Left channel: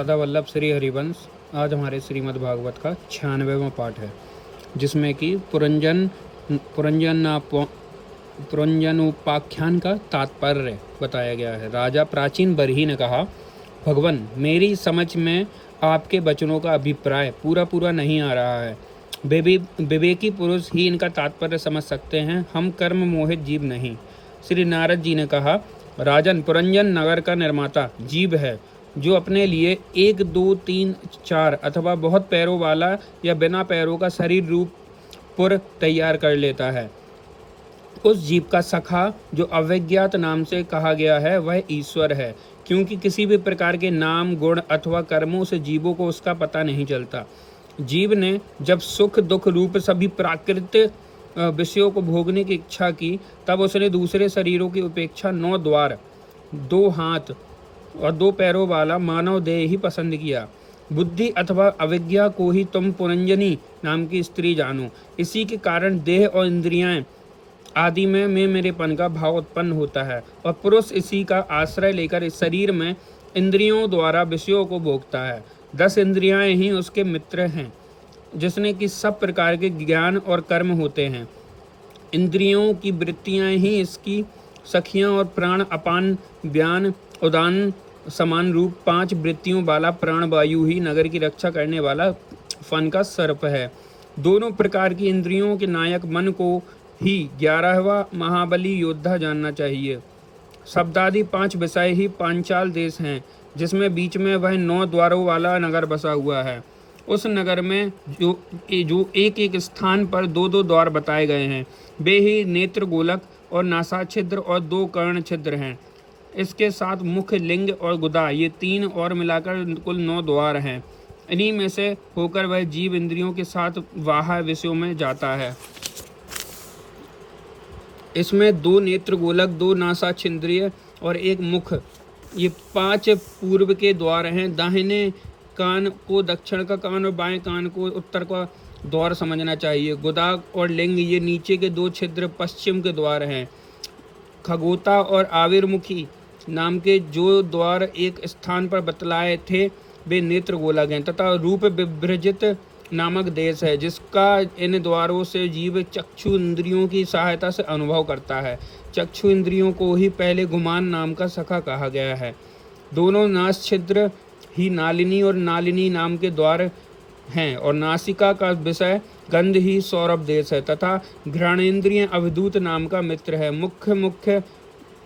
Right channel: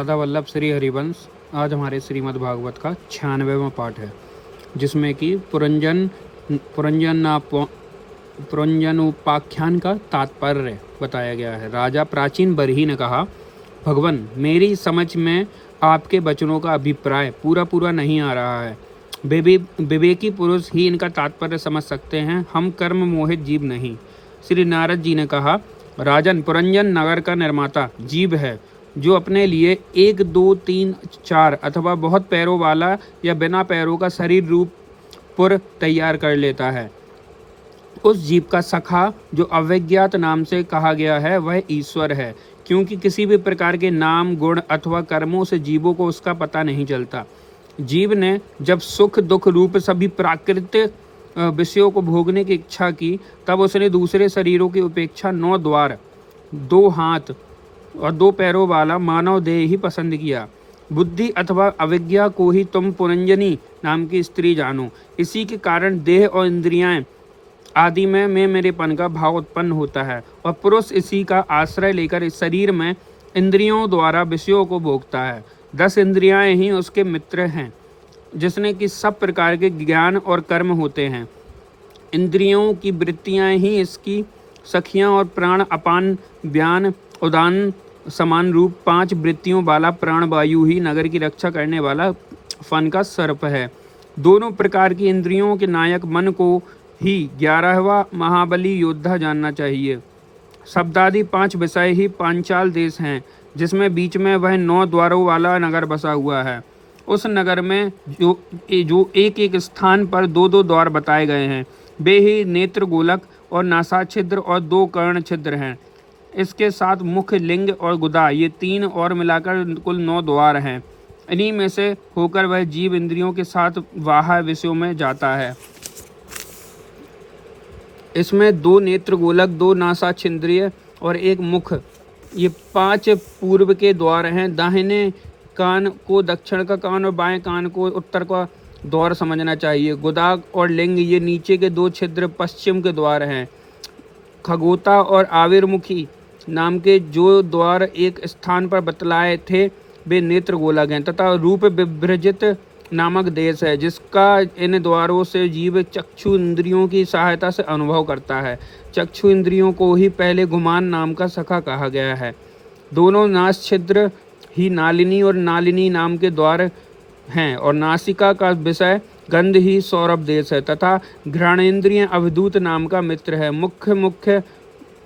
राधा वल्लभ श्री हरिवंश। आज हमारे श्रीमद् भागवत का 96वां पाठ है, जिसमें कि पुरंजनोपाख्यान का तात्पर्य बताया गया है। राजा प्राचीन बरही ने कहा, भगवान, मेरी समझ में आपके वचनों का अभिप्राय पूरा नहीं आ रहा है। विवेकी पुरुष ही इनका तात्पर्य समझ सकते हैं, हम कर्म मोहित जीव नहीं। श्री नारद जी ने कहा, राजन, पुरंजन नगर का निर्माता जीव है, जो अपने लिए 1, 2, 3, 4 अथवा बहुत पैरों वाला या बिना पैरों का शरीर रूप पुर तैयार कर लेता है। उस जीव का सखा, जो अविज्ञात नाम से कहा गया है, वह ईश्वर है, क्योंकि किसी भी प्रकार के नाम, गुण अथवा कर्मों से जीवों को उसका पता नहीं चलता। जीव ने जब सुख दुख रूप सभी प्राकृतिक विषयों को भोगने की इच्छा की, तब उसने दूसरे शरीरों की उपेक्षा 9 द्वार, 2 हाथ और 2 पैरों वाला मानव देह ही पसंद किया। बुद्धि अथवा अविज्ञा को ही तुम पुरंजनी नाम की स्त्री जानो। इसी के कारण देह और इंद्रियां आदि में मेरेपन का भाव उत्पन्न होता है, और पुरुष इसी का आश्रय लेकर इस शरीर में इंद्रियों द्वारा विषयों को भोगता है। 10 इंद्रियां ही उसके मित्र हैं, जिसने कि सब प्रकार के ज्ञान और कर्म होते हैं। इंद्रियों की वृत्तियां ही इसकी सखियां और प्राण अपान व्यान उदान समान रूप 5 वृत्तियों वाला प्राण वायु ही नगर की रक्षा करने वाला फन का सर्प है। दोनों प्रकार की इंद्रियों के नायक मन को ही 11वां महाबली योद्धा जानना चाहिए। शब्दादि 5 विषय ही पांचाल देश हैं, जिसमें बीच में वह 9 द्वारों वाला नगर बसा हुआ है। उस नगर में जो एक स्थान पर 2 द्वार बताए गए हैं, वे ही नेत्र गोलक और नासा छिद्र और 2 कर्ण छिद्र हैं। इसके साथ मुख, लिंग और गुदा, ये 3 और मिलाकर कुल 9 द्वार हैं। इन्हीं में से होकर वह जीव इंद्रियों के साथ बाह्य विषयों में जाता है। इसमें 2 नेत्र गोलक, 2 नासा छिद्रीय और 1 मुख, ये 5 पूर्व के द्वार हैं। दाहिने कान को दक्षिण का कान और बाएं कान को उत्तर का द्वार समझना चाहिए। गुदा और लिंग, ये नीचे के 2 छिद्र पश्चिम के द्वार हैं। खगोता और आविर्मुखी नाम के जो द्वार एक स्थान पर बतलाए थे, वे नेत्र गोलक हैं, तथा रूप विभ्रजित नामक देश है, जिसका इन द्वारों से जीव चक्षु इंद्रियों की सहायता से अनुभव करता है। चक्षु इंद्रियों को ही पहले गुमान नाम का सखा कहा गया है। दोनों नास छिद्र ही नालिनी और नालिनी नाम के द्वार हैं, और नासिका का विषय गंध ही सौरभ देश है, तथा घ्राणेन्द्रिय अवधूत नाम का मित्र है।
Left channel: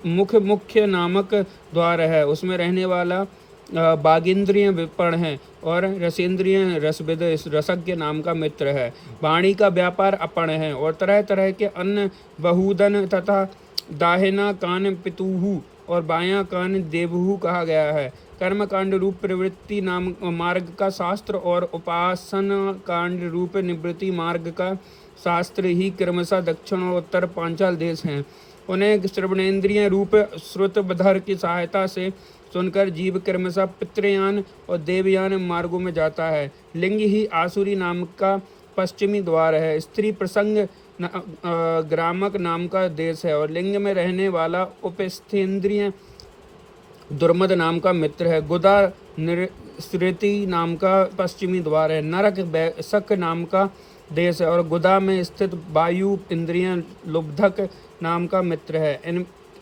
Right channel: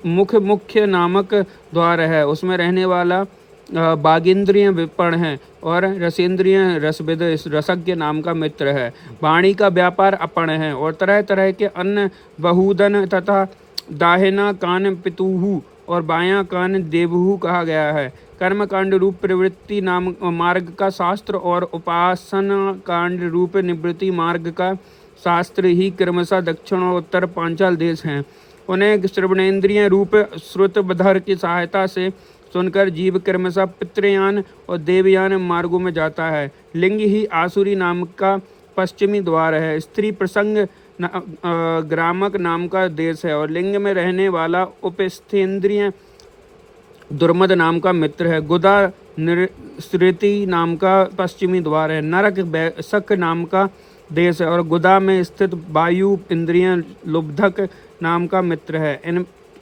मुख्य नामक द्वार है, उसमें रहने वाला बागेंद्रिय विपण है, और रसेंद्रिय रसविद रसज्ञ नाम का मित्र है। वाणी का व्यापार अपण है, और तरह तरह के अन्न बहुदन तथा दाहिना कान पितुहु और बायां कान देवहु कहा गया है। कर्म कांड रूप प्रवृत्ति नाम मार्ग का शास्त्र और उपासना कांड रूप निवृत्ति मार्ग का शास्त्र ही क्रमशः दक्षिण और उत्तर पांचाल देश हैं। उन्हें श्रवणेन्द्रिय रूप श्रुतबधर की सहायता से सुनकर जीव क्रमशः पितृयान और देवयान मार्गों में जाता है। लिंग ही आसुरी नाम का पश्चिमी द्वार है। स्त्री प्रसंग ग्रामक नाम का देश है, और लिंग में रहने वाला उपस्थेंद्रिय दुर्मद नाम का मित्र है। गुदा निरृति नाम का पश्चिमी द्वार है। नरक बैसक नाम का देश है, और गुदा में स्थित वायु इंद्रिय लुब्धक नाम का मित्र है।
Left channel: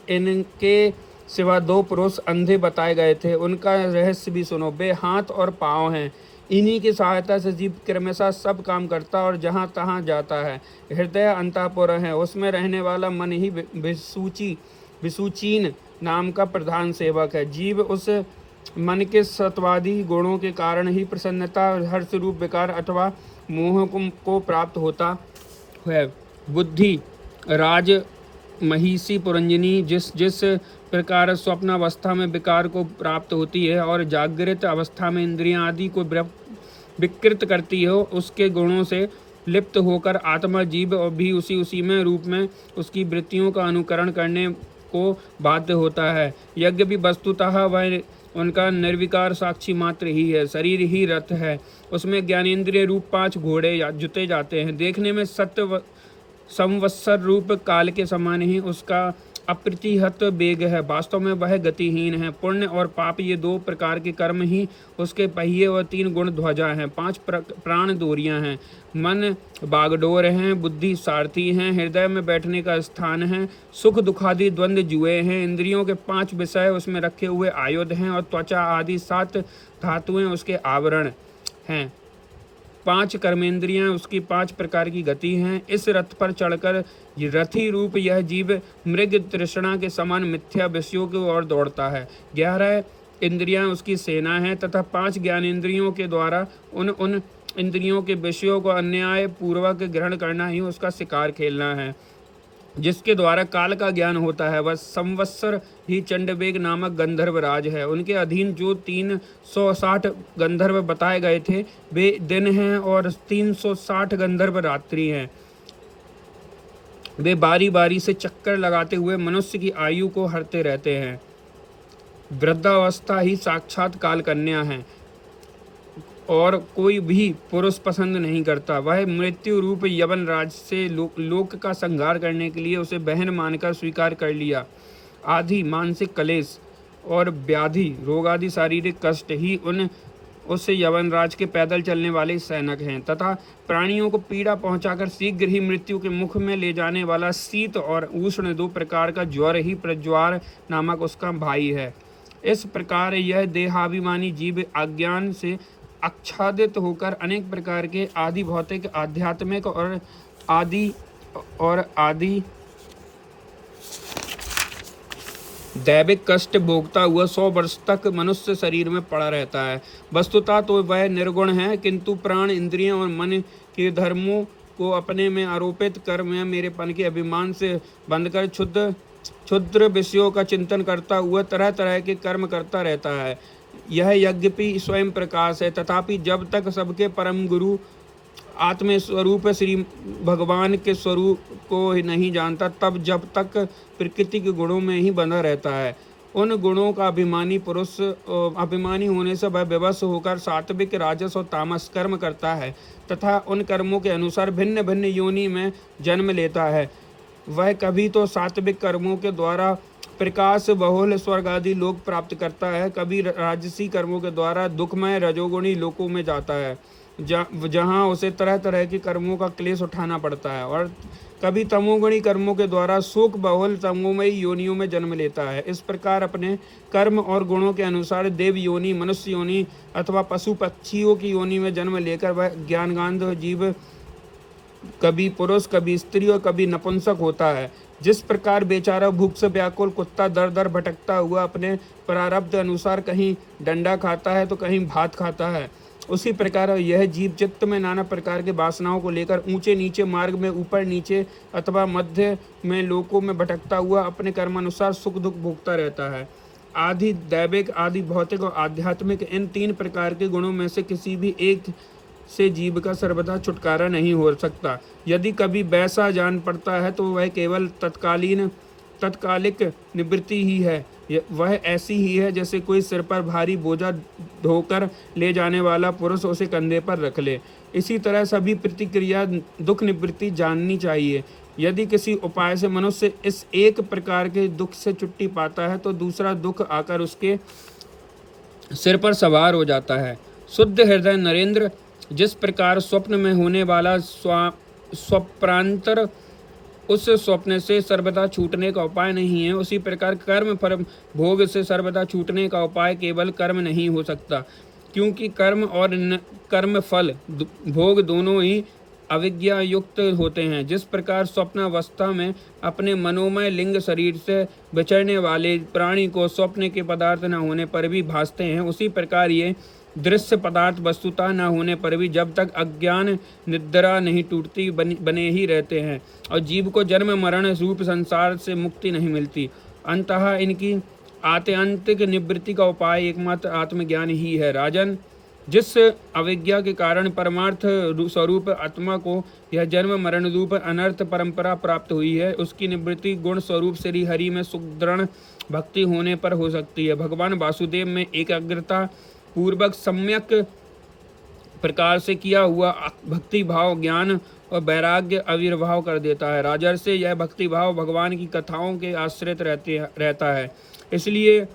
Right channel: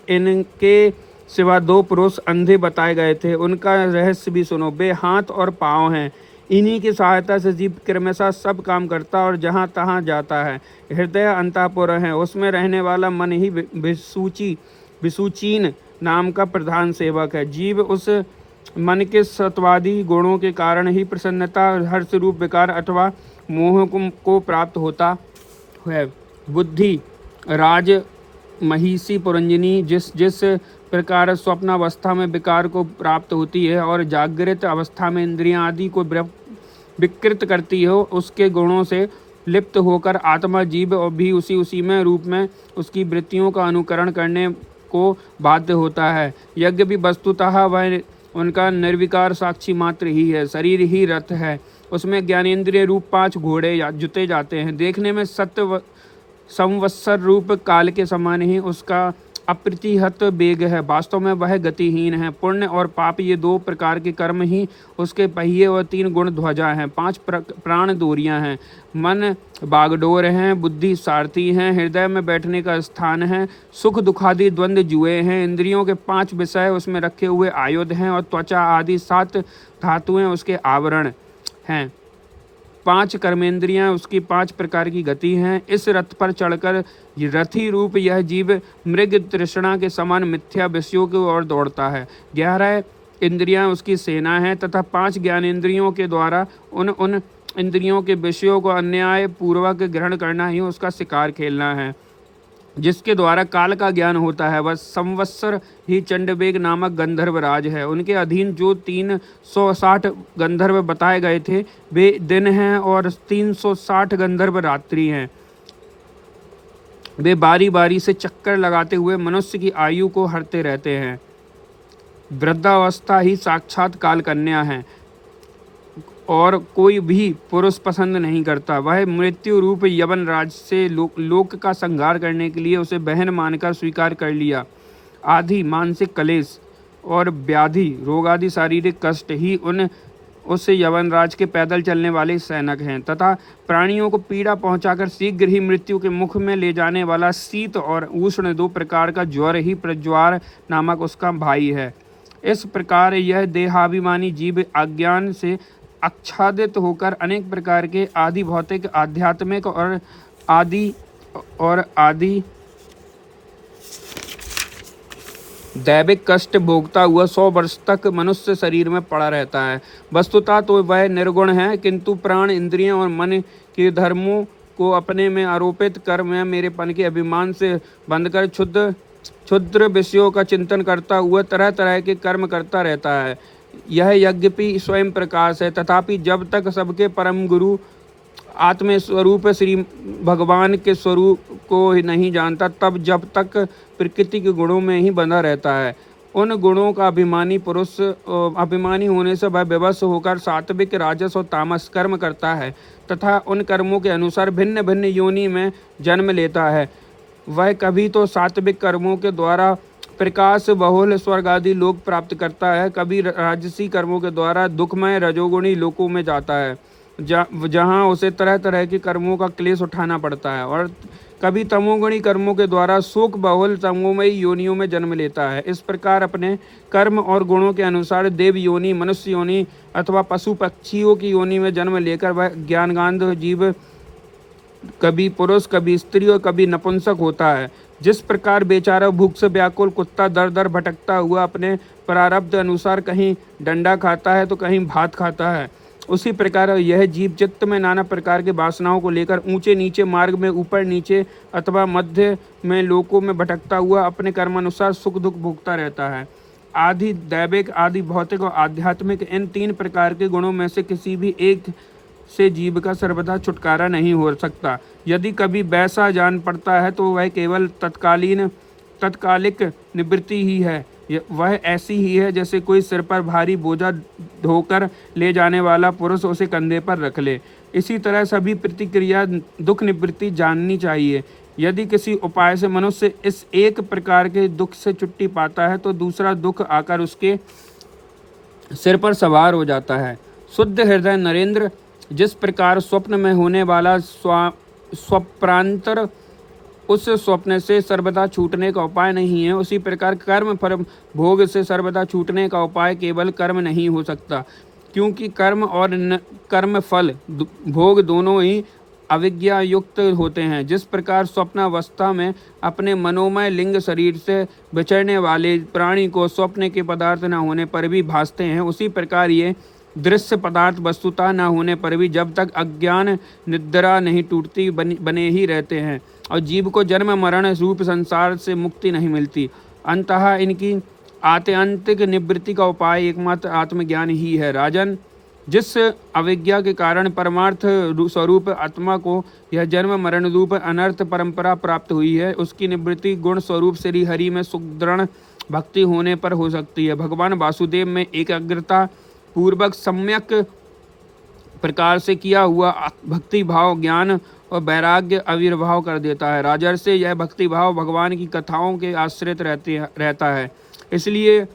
इनके सिवा 2 पुरुष अंधे बताए गए थे, उनका रहस्य भी सुनो। वे हाथ और पाँव हैं, इन्हीं की सहायता से जीव क्रमशः सब काम करता और जहाँ तहाँ जाता है। हृदय अंतःपुर है, उसमें रहने वाला मन ही विसूचीन नाम का प्रधान सेवक है। जीव उस मन के सत्वादी गुणों के कारण ही प्रसन्नता, हर्ष रूप विकार अथवा मोह को प्राप्त होता है। बुद्धि राज महिषी पुरंजनी जिस प्रकार स्वप्नावस्था में विकार को प्राप्त होती है और जागृत अवस्था में इंद्रियां आदि को विकृत करती हो, उसके गुणों से लिप्त होकर आत्मा जीव भी उसी में रूप में उसकी वृत्तियों का अनुकरण करने को बाध्य होता है। यज्ञ भी वस्तुतः वह उनका निर्विकार साक्षी मात्र ही है। शरीर ही रथ है, उसमें ज्ञानेंद्रिय रूप 5 घोड़े जुते जाते हैं। देखने में सत्य संवत्सर रूप काल के समान ही उसका अप्रतिहत वेग है। वास्तव में वह गतिहीन है। पुण्य और पाप ये दो प्रकार के कर्म ही उसके पहिए और तीन गुण ध्वजा हैं। पांच प्राण डोरियां हैं। मन बागडोर हैं। बुद्धि सारथी हैं। हृदय में बैठने का स्थान है। सुख दुखादि द्वंद्व जुए हैं। इंद्रियों के पांच विषय उसमें रखे हुए आयुध हैं और त्वचा आदि सात धातुएं उसके आवरण हैं। पांच कर्मेंद्रियां उसकी पांच प्रकार की गति हैं। इस रथ पर चढ़कर रथी रूप यह जीव मृग तृष्णा के समान मिथ्या विषयों की ओर दौड़ता है। 11 इंद्रियां उसकी सेना है तथा 5 ज्ञानेंद्रियों के द्वारा उन इंद्रियों के विषयों को अन्याय पूर्वक ग्रहण करना ही उसका शिकार खेलना है। जिसके द्वारा काल का ज्ञान होता है वह संवत्सर ही चंडवेग नामक गंधर्व राज है। उनके अधीन जो 360 गंधर्व बताए गए थे वे दिन हैं और 360 गंधर्व रात्रि हैं। वे बारी बारी से चक्कर लगाते हुए मनुष्य की आयु को हरते रहते हैं। वृद्धावस्था ही साक्षात काल कन्या है और कोई भी पुरुष पसंद नहीं करता। वह मृत्यु रूप यवन राज से लोक का संहार करने के लिए उसे बहन मानकर स्वीकार कर लिया। आदि मानसिक कलेश और व्याधि रोग आदि शारीरिक कष्ट ही उससे यवन राज के पैदल चलने वाले सैनिक हैं तथा प्राणियों को पीड़ा पहुंचाकर शीघ्र ही मृत्यु के मुख में ले जाने वाला शीत और उष्ण दो प्रकार का ज्वर ही प्रज्वार नामक उसका भाई है। इस प्रकार यह देहाभिमानी जीव अज्ञान से आच्छादित होकर अनेक प्रकार के आदि भौतिक आध्यात्मिक और आदि दैविक कष्ट भोगता हुआ 100 वर्ष तक मनुष्य शरीर में पड़ा रहता है। वस्तुतः तो वह निर्गुण है, किंतु प्राण इंद्रियों और मन के धर्मों को अपने में आरोपित कर मैं मेरेपन के अभिमान से बंधकर क्षुद्र विषयों का चिंतन करता हुआ तरह तरह के कर्म करता रहता है। यह यज्ञपि स्वयं प्रकाश है, तथापि जब तक सबके परम गुरु आत्म स्वरूप श्री भगवान के स्वरूप को नहीं जानता तब जब तक प्रकृति के गुणों में ही बंधा रहता है। उन गुणों का अभिमानी होने से वह विवश होकर सात्विक राजस और तामस कर्म करता है तथा उन कर्मों के अनुसार भिन्न भिन्न योनि में जन्म लेता है। वह कभी तो सात्विक कर्मों के द्वारा प्रकाश बहुल स्वर्ग आदि लोक प्राप्त करता है, कभी राजसी कर्मों के द्वारा दुखमय रजोगुणी लोकों में जाता है जहाँ उसे तरह तरह के कर्मों का क्लेश उठाना पड़ता है, और कभी तमोगुणी कर्मों के द्वारा शोक बहुल तमोमयी योनियों में जन्म लेता है। इस प्रकार अपने कर्म और गुणों के अनुसार देव योनि, मनुष्य योनि अथवा पशु पक्षियों की योनि में जन्म लेकर वह ज्ञानगांध जीव कभी पुरुष, कभी स्त्री और कभी नपुंसक होता है। जिस प्रकार बेचारा भूख से व्याकुल कुत्ता दर दर भटकता हुआ अपने प्रारब्ध अनुसार कहीं डंडा खाता है तो कहीं भात खाता है, उसी प्रकार यह जीव चित्त में नाना प्रकार के वासनाओं को लेकर ऊंचे नीचे मार्ग में ऊपर नीचे अथवा मध्य में लोकों में भटकता हुआ अपने कर्मानुसार सुख दुख भोगता रहता है। आदि दैविक, आदि भौतिक और आध्यात्मिक इन 3 प्रकार के गुणों में से किसी भी एक से जीव का सर्वदा छुटकारा नहीं हो सकता। यदि कभी वैसा जान पड़ता है तो वह केवल तत्कालिक निवृत्ति ही है। वह ऐसी ही है जैसे कोई सिर पर भारी बोझा ढोकर ले जाने वाला पुरुष उसे कंधे पर रख ले। इसी तरह सभी प्रतिक्रिया दुख निवृत्ति जाननी चाहिए। यदि किसी उपाय से मनुष्य इस एक प्रकार के दुख से छुट्टी पाता है तो दूसरा दुख आकर उसके सिर पर सवार हो जाता है। शुद्ध हृदय नरेंद्र, जिस प्रकार स्वप्न में होने वाला स्वप्रांतर उस स्वप्न से सर्वदा छूटने का उपाय नहीं है, उसी प्रकार कर्म फल भोग से सर्वदा छूटने का उपाय केवल कर्म नहीं हो सकता, क्योंकि कर्म और कर्म फल भोग दोनों ही अविज्ञा युक्त होते हैं। जिस प्रकार स्वप्नावस्था में अपने मनोमय लिंग शरीर से विचरने वाले प्राणी को स्वप्न के पदार्थ न होने पर भी भासते हैं, उसी प्रकार ये दृश्य पदार्थ वस्तुता न होने पर भी जब तक अज्ञान निद्रा नहीं टूटती बने ही रहते हैं और जीव को जन्म मरण रूप संसार से मुक्ति नहीं मिलती। अंततः इनकी आत्यंतिक निवृत्ति का उपाय एकमात्र आत्मज्ञान ही है। राजन, जिस अविज्ञा के कारण परमार्थ स्वरूप आत्मा को यह जन्म मरण रूप अनर्थ परंपरा प्राप्त हुई है, उसकी निवृत्ति गुण स्वरूप श्री हरि में सुदृढ़ भक्ति होने पर हो सकती है। भगवान वासुदेव में एकाग्रता पूर्वक सम्यक प्रकार से किया हुआ भक्ति भाव ज्ञान और वैराग्य आविर्भाव कर देता है। राजर्षि यह भक्ति भाव भगवान की कथाओं के आश्रित रहता है, इसलिए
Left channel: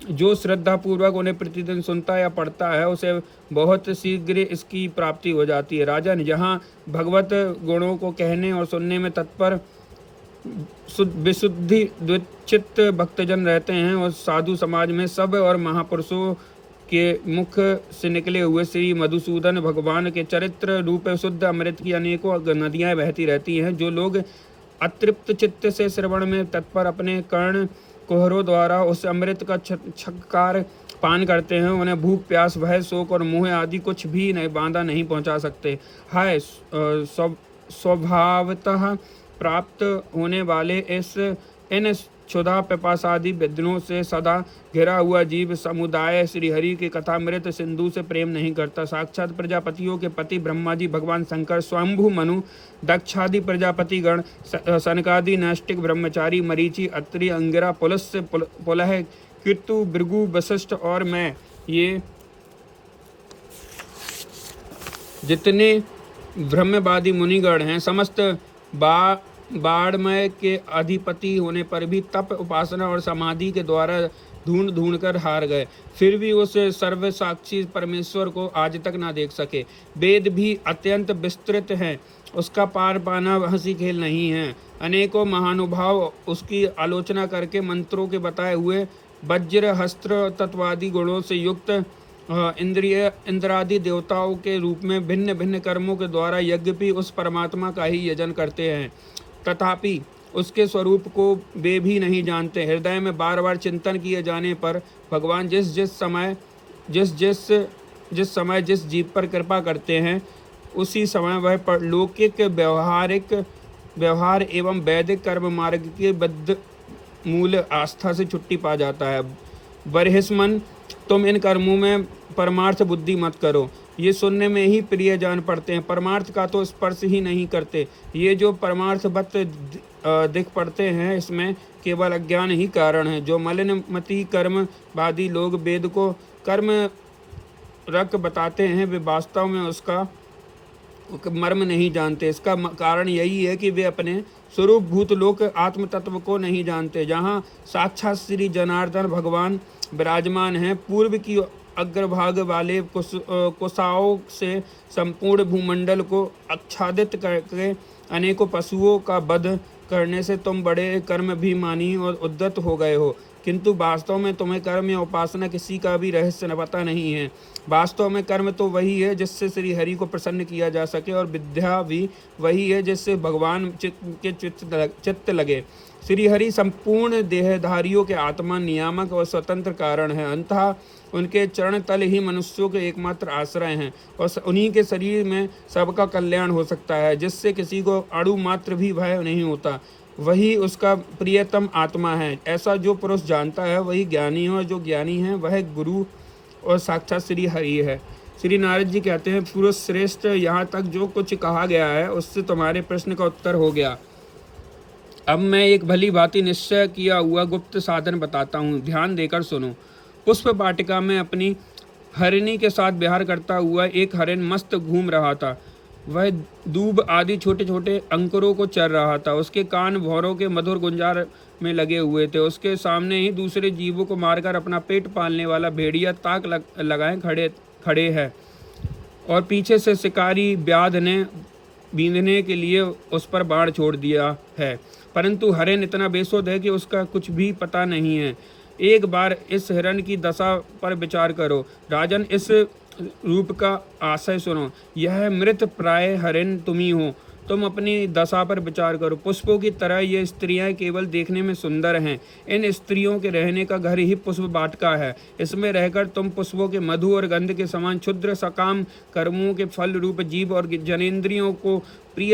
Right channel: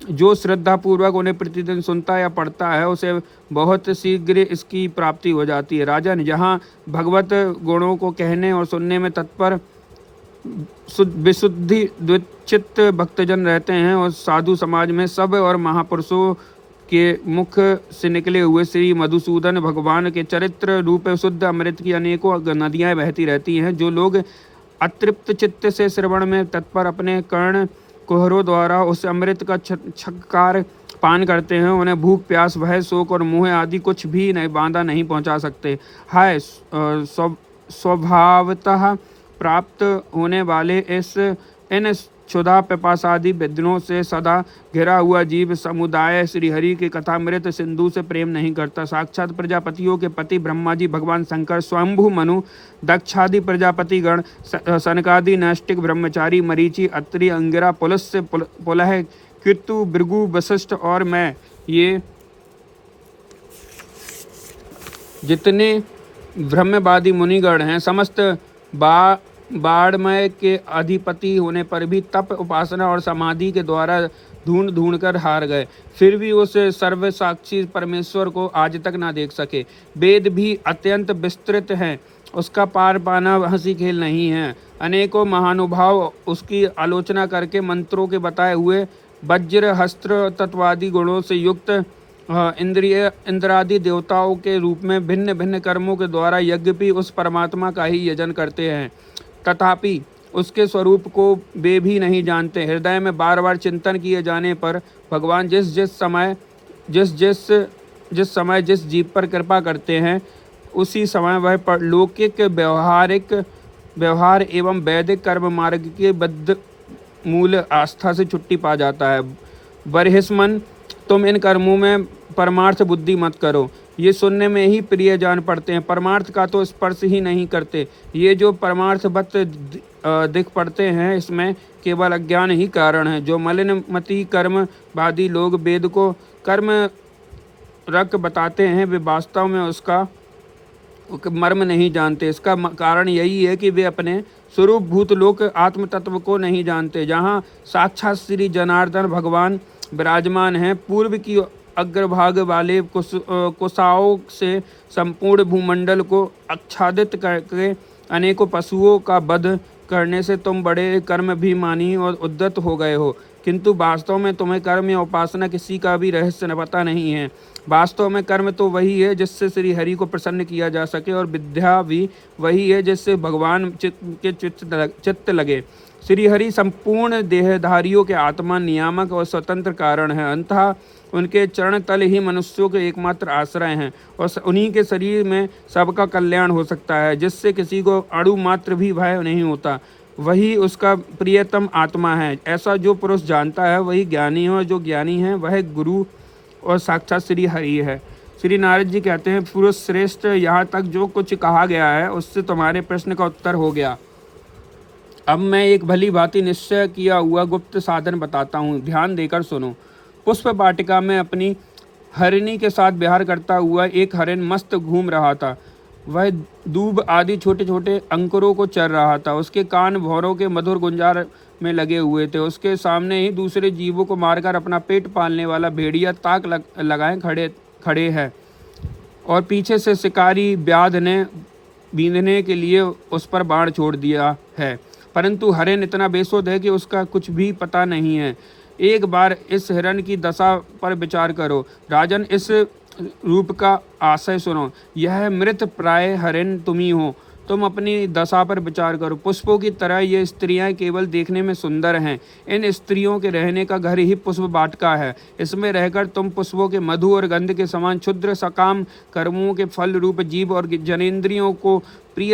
जो श्रद्धा पूर्वक उन्हें प्रतिदिन सुनता या पढ़ता है उसे बहुत शीघ्र इसकी प्राप्ति हो जाती है। राजन, जहाँ भगवत गुणों को कहने और सुनने में तत्पर विशुद्धि द्विचित्त भक्तजन रहते हैं और साधु समाज में सब और महापुरुषों के मुख से निकले हुए श्री मधुसूदन भगवान के चरित्र रूप शुद्ध अमृत की अनेकों नदियाँ बहती रहती हैं। जो लोग अतृप्त चित्त से श्रवण में तत्पर अपने कर्ण कुहरों द्वारा उस अमृत का छक्कार पान करते हैं, उन्हें भूख प्यास भय शोक और मोह आदि कुछ भी नहीं बांधा नहीं पहुंचा सकते। हाय, स्वभावतः प्राप्त होने वाले इन क्षुधा पिपासादि विद्रों से सदा घिरा हुआ जीव समुदाय श्रीहरि के कथामृत सिंधु से प्रेम नहीं करता। साक्षात प्रजापतियों के पति ब्रह्मा जी, भगवान शंकर, स्वयंभू मनु, दक्षादि प्रजापति गण, सनकादि नैष्टिक ब्रह्मचारी, मरीचि, अत्रि, अंगिरा, पुलस्य, पुलह, कृतु, भृगु, वशिष्ठ और मैं, ये जितने ब्रह्मवादी मुनिगण हैं समस्त बाड़मय के अधिपति होने पर भी तप उपासना और समाधि के द्वारा ढूंढ कर हार गए, फिर भी उस सर्वसाक्षी परमेश्वर को आज तक ना देख सके। वेद भी अत्यंत विस्तृत हैं, उसका पार पाना हंसी खेल नहीं है। अनेकों महानुभाव उसकी आलोचना करके मंत्रों के बताए हुए वज्र हस्त्र तत्वादि गुणों से युक्त इंद्रादि देवताओं के रूप में भिन्न भिन्न कर्मों के द्वारा यज्ञपि उस परमात्मा का ही यजन करते हैं, तथापि उसके स्वरूप को वे भी नहीं जानते। हृदय में बार बार चिंतन किए जाने पर भगवान जिस समय जिस जीव पर कृपा करते हैं उसी समय वह लौकिक व्यवहार एवं वैदिक कर्म मार्ग के बद्ध मूल आस्था से छुट्टी पा जाता है। बरहिस्मन, तुम इन कर्मों में परमार्थ बुद्धि मत करो, ये सुनने में ही प्रिय जान पड़ते हैं, परमार्थ का तो स्पर्श ही नहीं करते। ये जो परमार्थवत दिख पड़ते हैं इसमें केवल अज्ञान ही कारण है। जो मलिनमति कर्मवादी लोग वेद को कर्म रक बताते हैं वे वास्तव में उसका मर्म नहीं जानते। इसका कारण यही है कि वे अपने स्वरूप भूत लोक आत्म तत्व को नहीं जानते, जहाँ साक्षात श्री जनार्दन भगवान विराजमान हैं। पूर्व की अग्रभाग वाले कुशाओं से संपूर्ण भूमंडल को आच्छादित करके अनेकों पशुओं का वध करने से तुम बड़े कर्माभिमानी और उद्यत हो गए हो, किंतु वास्तव में तुम्हें कर्म या उपासना किसी का भी रहस्य पता नहीं है। वास्तव में कर्म तो वही है जिससे श्री हरि को प्रसन्न किया जा सके, और विद्या भी वही है जिससे भगवान चित्त लगे। श्री हरि संपूर्ण देहधारियों के आत्मा, नियामक और स्वतंत्र कारण है। अंततः उनके चरण तल ही मनुष्यों के एकमात्र आश्रय हैं और उन्हीं के शरीर में सबका कल्याण हो सकता है, जिससे किसी को अणु मात्र भी भय नहीं होता। वही उसका प्रियतम आत्मा है। ऐसा जो पुरुष जानता है वही ज्ञानी है, और जो ज्ञानी है वह गुरु और साक्षात श्री हरि है। श्री नारद जी कहते हैं, पुरुष श्रेष्ठ, यहाँ तक जो कुछ कहा गया है उससे तुम्हारे प्रश्न का उत्तर हो गया। अब मैं एक भली भांति निश्चय किया हुआ गुप्त साधन बताता हूँ, ध्यान देकर सुनो। पुष्प वाटिका में अपनी हरिणी के साथ विहार करता हुआ एक हरिण मस्त घूम रहा था। वह दूब आदि छोटे छोटे अंकुरों को चर रहा था। उसके कान भौरों के मधुर गुंजार में लगे हुए थे। उसके सामने ही दूसरे जीवों को मारकर अपना पेट पालने वाला भेड़िया ताक लगाए खड़े है, और पीछे से शिकारी व्याध ने बींधने के लिए उस पर बाण छोड़ दिया है, परंतु हरिण इतना बेसुध है कि उसका कुछ भी पता नहीं है। एक बार इस हिरण की दशा पर विचार करो। राजन, इस रूप का आशय सुनो। यह मृत प्राय हरिण तुम ही हो। तुम अपनी दशा पर विचार करो। पुष्पों की तरह ये स्त्रियां केवल देखने में सुंदर हैं। इन स्त्रियों के रहने का घर ही पुष्प वाटिका है। इसमें रहकर तुम पुष्पों के मधु और गंध के समान क्षुद्र सकाम कर्मों के फल रूप जीव और जनेंद्रियों को प्रिय